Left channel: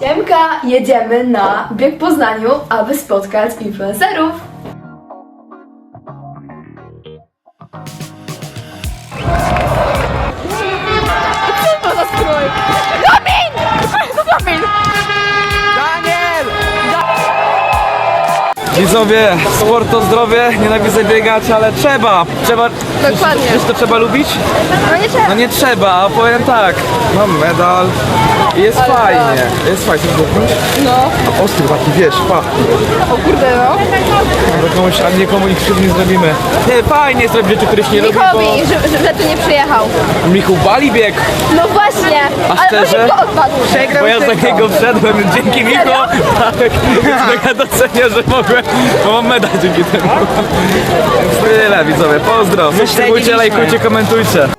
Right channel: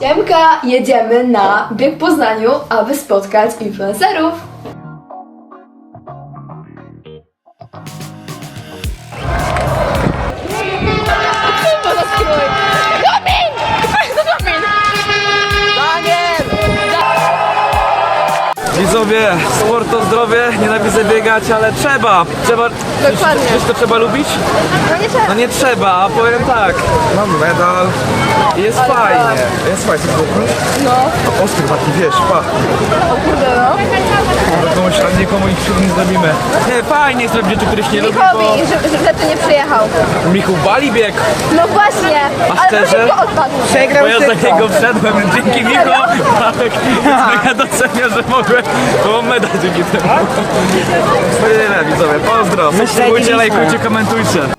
Siemka, jedziemy na bieg w Poznaniu, aby spotkać influencerów. Widzowie, sport to zdrowie, nienawidzę biegać, ale trzeba. Dokładnie. Wiesz, to trzeba lubić? No nie trzeba. No nie trzeba, a powiem tak, mam medal i jest Ale fajnie. tak. Jest fajnie, chcesz dotknąć? No, Ostry taki, wiesz, pa. o kurde no. Do komuś, a nikomu nic nie zrobimy. Nie, fajnie jest robić rzeczy, których nie lubi, Mikowi, że tu nie przyjechał. bo Michu wali bieg, No właśnie, A ale on szczerze? tylko odpadł. bo ja za niego wszedłem, więc dzięki Michu. Tak, więc mega docenię, że mogłem, bo mam medal dzięki temu. Tyle widzowie, pozdro. Subskrybujcie, lajkujcie, komentujcie.